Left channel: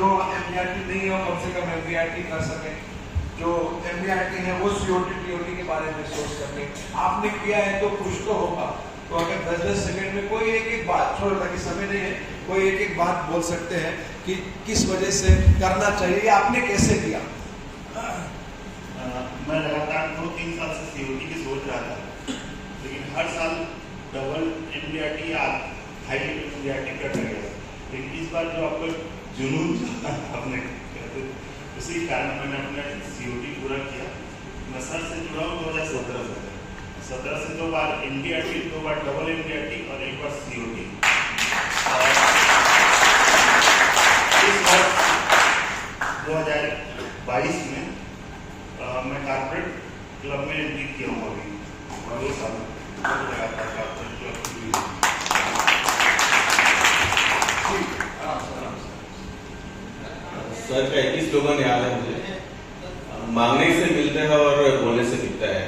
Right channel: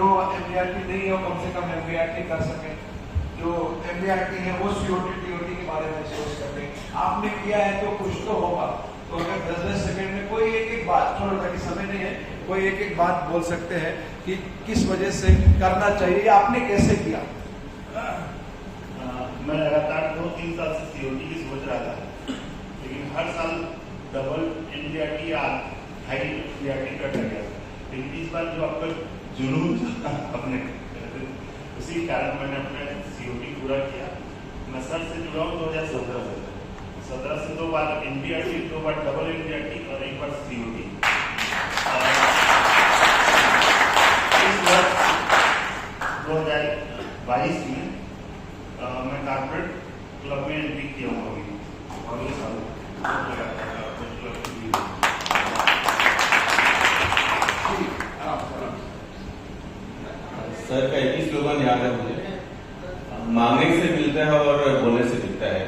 जो एमबीआरटी नहीं है वो कम से कम एमबीआरटी कर सके, जो एमबीआरटी है वो सीओटी टीओटी के बारे में सोच सके। आपने किया है तो कुछ तो होगा। तो अगर 10-10 सेकंड में कोई एक बात, छोड़ो ताकि समय नहीं है, कोई एक बात बोल सकते हैं कि किस वजह से करना चाहिए या आपने कैसे किया। मैं लगातार 2-3 साल से सीओटी की सोच रहा था, लेकिन हर साल डबल एनडीआरटी या हाई एनडीआरटी करता गया। लेकिन इस बार जो आपका जुनून अपने उसी कारण मैंने अपना सीओटी पूरा किया। मैं सर से जुड़ा हूँ 2017 से 2 बार एनडीआरटी, 2 बार डबल एनडीआरटी और 1 बार सीओटी। इस वर्ष 2022 में मैं कॉर्पोरेट क्लब में एंट्री किया हूँ अभी, और ये साल लगातार कॉर्पोरेट क्लब सर का एक ही स्लोगन याद है मुझे, मांगने से मिलता है और बोलने से दिखता है,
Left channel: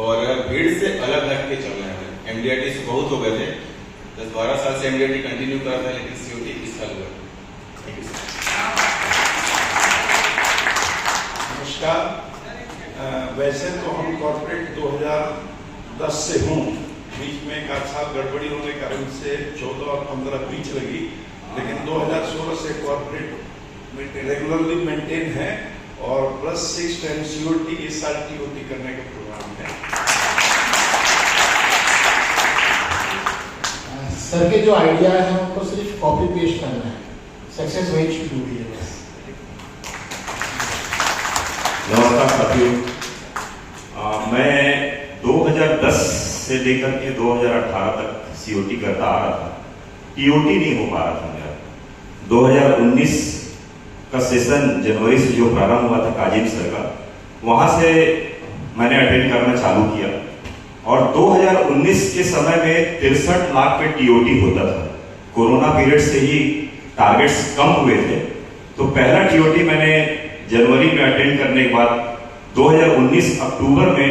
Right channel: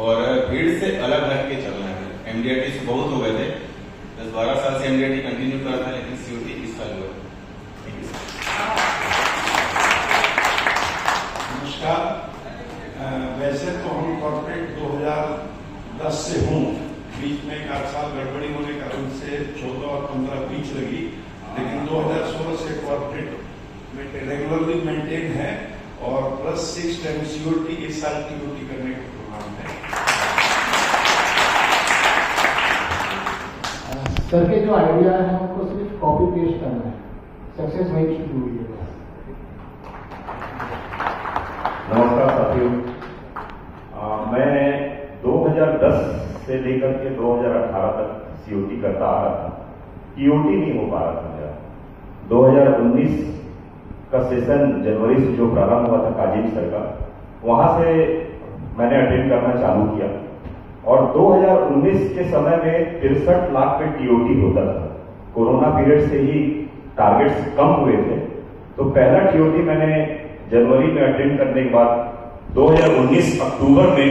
और भीड़ से अलग हट के चलना है। एमडीआरटी से बहुत हो गए थे, 10-12 साल से एमडीआरटी कंटिन्यू कर रहा है, लेकिन सीओटी इस साल हुआ। Thank you sir. नमस्कार। वैसे तो हम कॉर्पोरेट 2010 से हूँ, बीच में एक आध साल गड़बड़ी होने के कारण से 14 और 15 बीच लगी, लेकिन 2016 से कॉर्पोरेट रेगुलरली मेंटेन है और प्लस 6 टाइम सीओटी इस साल टीओटी करने का प्रोग्राम है। सर के जो आइडिया है उनको सिर्फ कॉपी पेस्ट करना है, success wait should do it. नमस्कार साथियों, मैं 2010 से लेकर के 2018 तक सीओटी करता आ रहा था, टीओटी नहीं हो पा रहा था मेरा। 2019 का सेशन जनवरी से जो प्रारंभ हुआ था काजिम सर का, वहां से मैंने अटेंड करना चालू किया, और 2019 के समय में 63 लाख पे टीओटी होता था। कोरोना पीरियड से ही टारगेट्स कम हुए थे, तो पहला टीओटी मैंने जनवरी में अटेंड करने के बाद 2019 अक्टूबर में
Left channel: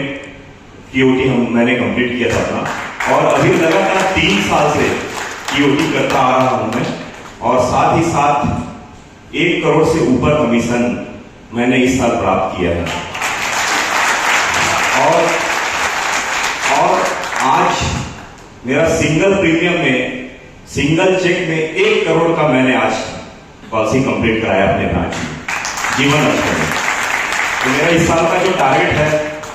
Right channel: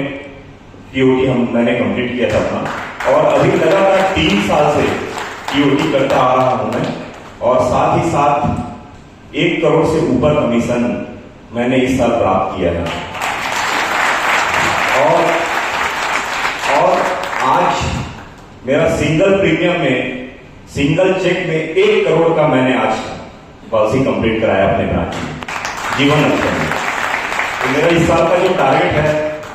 टीओटी मैंने कंप्लीट किया था अपना, और अभी लगातार 3 साल से टीओटी करता आ रहा हूं मैं, और साथ ही साथ 1 करोड़ से ऊपर कमीशन मैंने इस साल प्राप्त किया है। और आज मेरा सिंगल प्रीमियम में, सिंगल चेक में 1 करोड़ का मैंने आज पॉलिसी कंप्लीट कराया अपने ब्रांच में, जीवन लक्ष्य में। तो मेरा इस साल का जो टारगेट है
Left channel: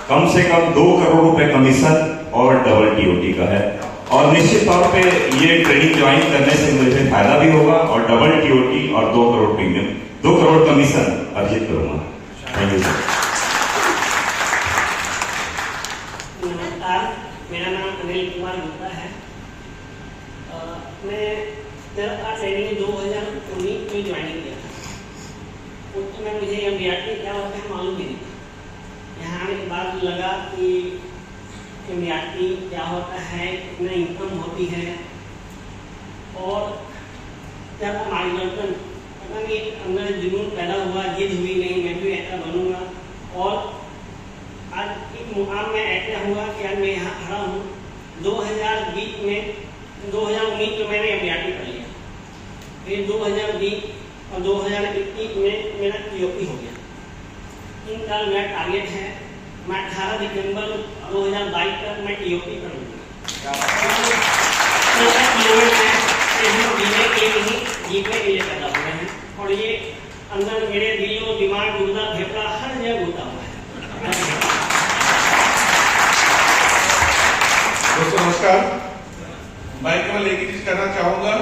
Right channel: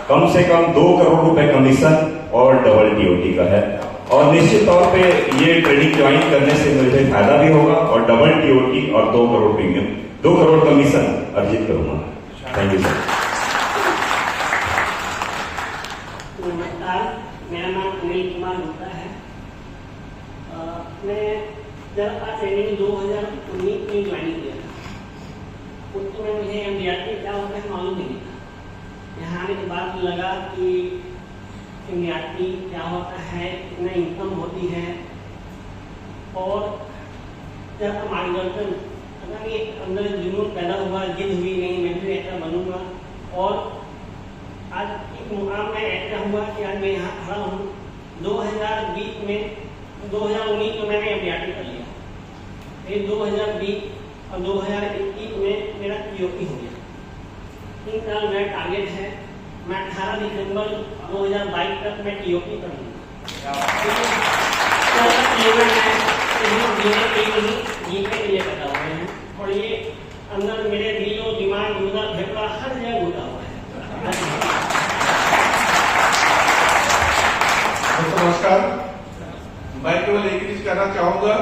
कम से कम 2 करोड़ रुपए कमीशन और डबल टीओटी का है, और निश्चित तौर पे ये ट्रेनिंग ज्वाइन करने से मुझे फायदा भी होगा, और डबल टीओटी और 2 करोड़ प्रीमियम, 2 करोड़ कमीशन अर्जित करूंगा। Thank you sir. नमस्कार, मेरा नाम अनिल कुमार गुप्ता है। मैं ट्रेनिंग 2019 में ज्वाइन किया था। उस समय मुझे एमडीआरटी क्या होता है मालूम भी नहीं था। यहाँ आने के बाद लगा कि एमडीआरटी क्या होता है, कितना इनकम होती है, और जब मार्गदर्शन अंदर जुनून पैदा हुआ, जिद हुई नहीं मैं भी ऐसा बनूंगा, और आज इस मुकाम में ऐसा हुआ कि आज मैं यहाँ खड़ा हूँ। 2019 में मैंने एमडीआरटी कर लिया, फिर 2020 और 2021 में मेरा टीओटी हो गया। 3 साल मेरा टारगेट है, मैं 18 दिसंबर 2022 तक मैं टीओटी करूँगा। जीतने के लिए पैदा हो रहे हैं, और ये अंदर मेरे दिलो दिमाग गुर्दा फेफड़ा हर जगह घुसा हुआ है। नमस्कार, मैं केवल एक ही चीज कहना चाहूंगा,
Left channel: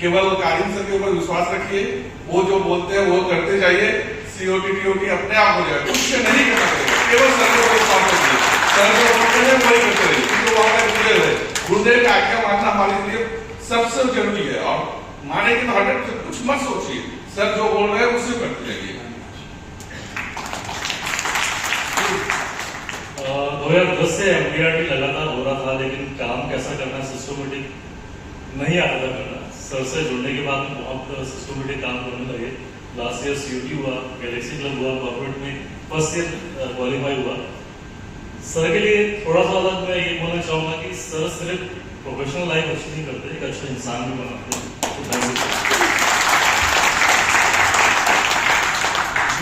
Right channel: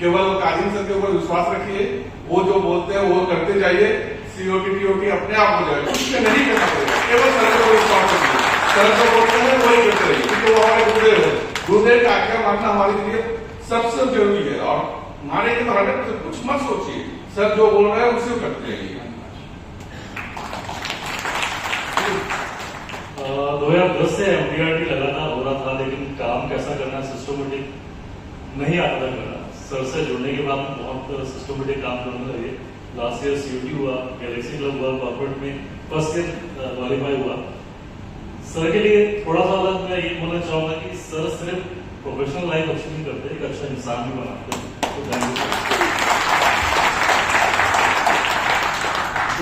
केवल काजिम सर के ऊपर विश्वास रखिए, वो जो बोलते हैं वो करते जाइए। सीओटी टीओटी अपने आप हो जाएगा, कुछ नहीं करना पड़ेगा, केवल सर को विश्वास रखिए। सर को बोलते हैं वही करते रहिए, क्योंकि वो हमारे गुरुदेव है। गुरुदेव का आज्ञा मानना हमारे लिए सबसे जरूरी है, और माने कि 100% कुछ मत सोचिए, सर जो बोल रहे हैं उसी को करते रहिए। 2010 से एमडीआरटी लगातार हो रहा था, लेकिन काम कैसा करना है सिस्टमेटिक नहीं आता था मेरा। सर से जुड़ने के बाद बहुत सिस्टमेटिक काम करने लगे। लास्ट ईयर सीयूटी हुआ, गैलेक्सी क्लब हुआ, कॉर्पोरेट में फर्स्ट ईयर क्वालिफाई हुआ। सर के लिए थोड़ा सा अलग मैं ये बोलना चाहूंगा कि सर सिर्फ प्रोफेशनल लाइफ अच्छी नहीं करते, एक अच्छा इंसान भी बनाते हैं।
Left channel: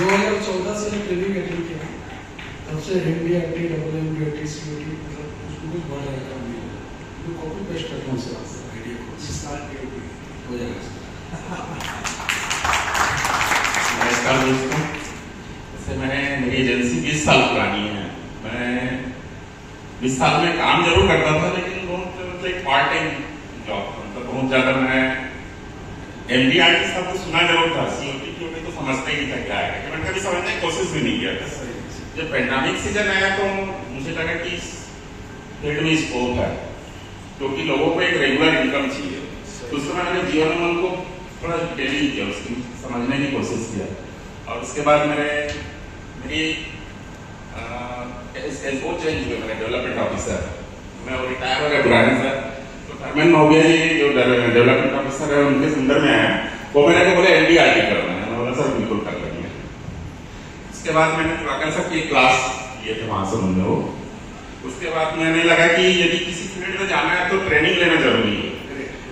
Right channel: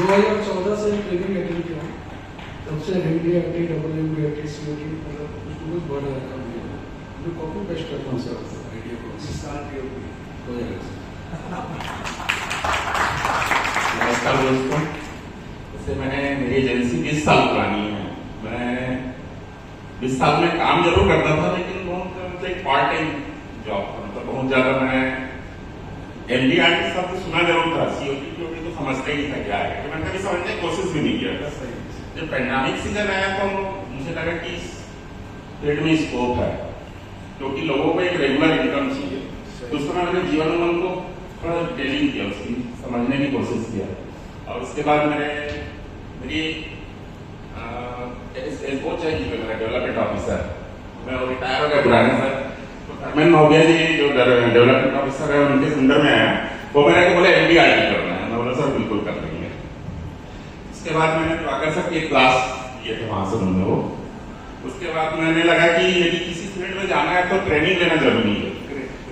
2014 से मैं ट्रेनिंग अटेंड किया हूँ, तब से MDRT, MDRT, COT मतलब कुछ बढ़ रहा है। मैं कॉपी पेस्ट करता हूँ सर आइडिया को, इस साल हो जाएगा। नमस्कार दोस्तों, जैसे मेरी एजेंसी 20 साल पुरानी है। मैं 20 साल में काम जरूर करता था, लेकिन बहुत एक पार्ट टाइम जॉब, मतलब बहुत ज्यादा मैं MDRT सब कुछ सुना जरूर था, COT तो समझता ही नहीं था क्या है, मैंने कभी समझने की कोशिश भी नहीं किया था। जब पैंडेमिक सीजन आया तो मुझे लगा कि इस फील्ड में स्कोप है, क्योंकि लोगों को एक रेगुलर इनकम चाहिए। तो उस समय मैंने जीवन उमंग को थोड़ा ट्रेनिंग किया, उसकी समझने की कोशिश किया, और उसके बाद मेरी वो चेंज हुआ, मेरा डेवलपमेंट ऑफिसर, मैं रिटायर हो गया पुराने सर, तो धर्मेंद्र नोबिया जी जो डेवलपमेंट ऑफिसर है उनके अंडर में आया, वो मैंने बोला MDRT करना है, मैं बोला सर बिल्कुल कर लेंगे। उसके बाद मैंने दिवाकर सर की क्लास लिए थे वहां से उन्होंने वो, उसके बाद मैंने लगा कि यदि किसी फील्ड में जाना है तो ट्रेनिंग लेना जरूरी है,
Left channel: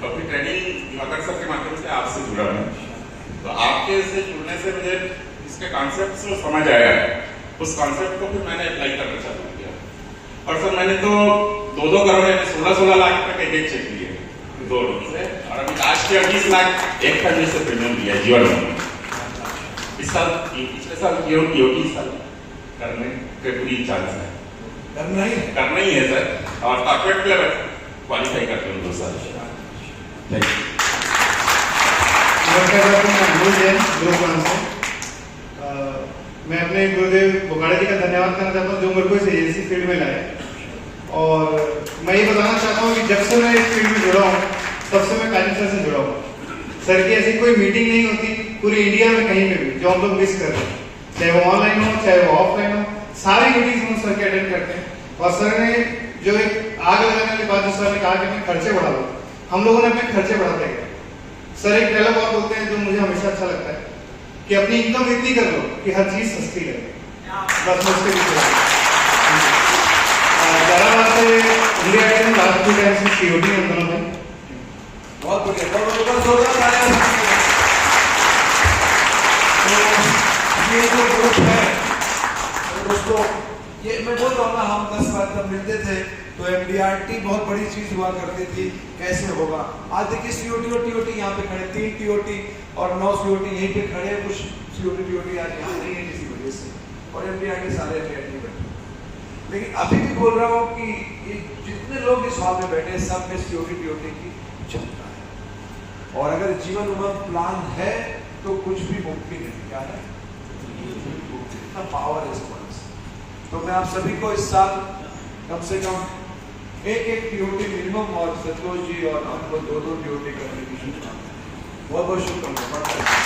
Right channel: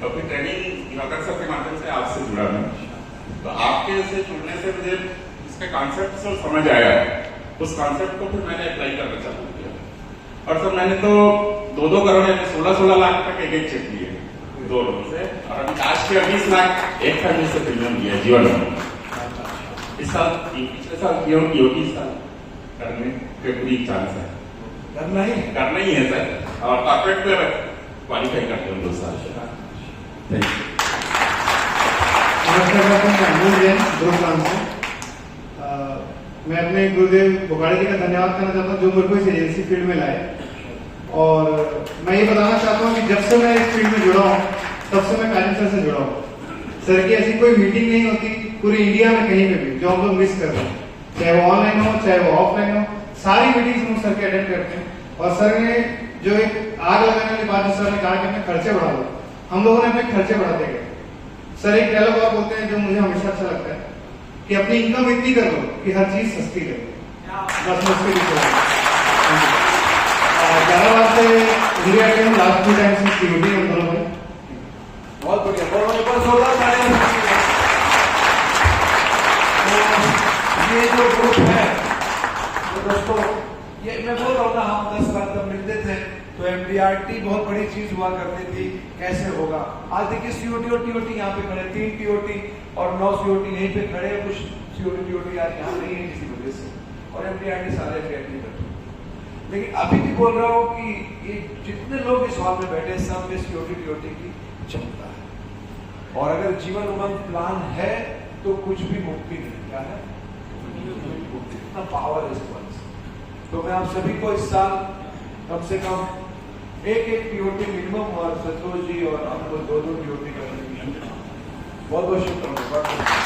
और फिर ट्रेनिंग दिवाकर सर के माध्यम से आपसे जुड़ा मैं, तो आपके से जुड़ने से मुझे इसका कॉन्सेप्ट समझ आया है। उस कॉन्सेप्ट को फिर मैंने अप्लाई करना चालू किया, और सर मैंने तो 2-2 करोड़ 16 लाख का पैकेज चेक लिए 2 लोगों से, और अभी लास्ट ईयर 20 लाख एक फैमिली से प्रीमियम लिया जीवन में। इस साल पिछले साल TOT साल करने के पूरी चांस है, करना ही है सर, और कॉर्पोरेट में क्वालिफाई करते हैं 2 साल। Thank you. मैं अपने गुरुदेव बोगाड़ा जी का धन्यवाद करना चाहता हूँ, जो मेरे को इस एजेंसी फील्ड में लाए, और मैं ये बताना चाहता हूँ कि जब से मैं इस फील्ड में जुड़ा हूँ तब से मैं कालिम सर से जुड़ा हूँ। सर की ऐसी कोई मीटिंग नहीं होती पूरी इंडिया में कहीं पे भी जो हम लोग मिस कर रहे हैं, चाहे वो ऑनलाइन हो चाहे वो ऑफलाइन हो, सारी मीटिंग्स हम सर के अटेंड करते हैं। और सर ने जो एक आग लगाने वाली बात सर ने कहा कि अपने खर्चे बढ़ा लो, हम लोगों ने अपने खर्चे बढ़ाते गए। सर एक डायलॉग और बोलते हैं जो मुझे हमेशा अच्छा लगता है कि अपनी इनकम इतनी कर लो कि हर चीज सस्ती लगे, बस मुझके लिए 11 बार से इंडिया के लास्ट 2 टाइम्स में COT में हम दोनों बहुत बढ़िया, बहुत बढ़िया। तो ये जो ग्रुप है तो दोस्तों, ये मैं बोल रहा हूँ ना, हम 10 बार जब मिलते थे तो MDRT बहुत बड़ी चीज हुआ करती थी, कैसे होगा। आज देखिए COT और TOT यहाँ पे खड़े, 3 TOT और 9 COT यहीं पे खड़े, कुछ COT TOT आज यहाँ नहीं है किसी वजह से, और MDRT सारे MDRT बैठे। लेकिन अभी भी बोल रहा हूँ कि ये जितने लोग इस हॉल में बैठे सब में COT TOT की क्षमता है, और अगर जीवन उमंग प्लान है तो कुछ भी मुक्ति नहीं, क्या है इतना पावर है इस प्लान से। तो मैं आप सभी को इस साल कम से कम एक TOT मिनिमम, और सतलोज जी और हम लोग 2-2 TOT करने की बहुत बहुत शुभकामनाएं।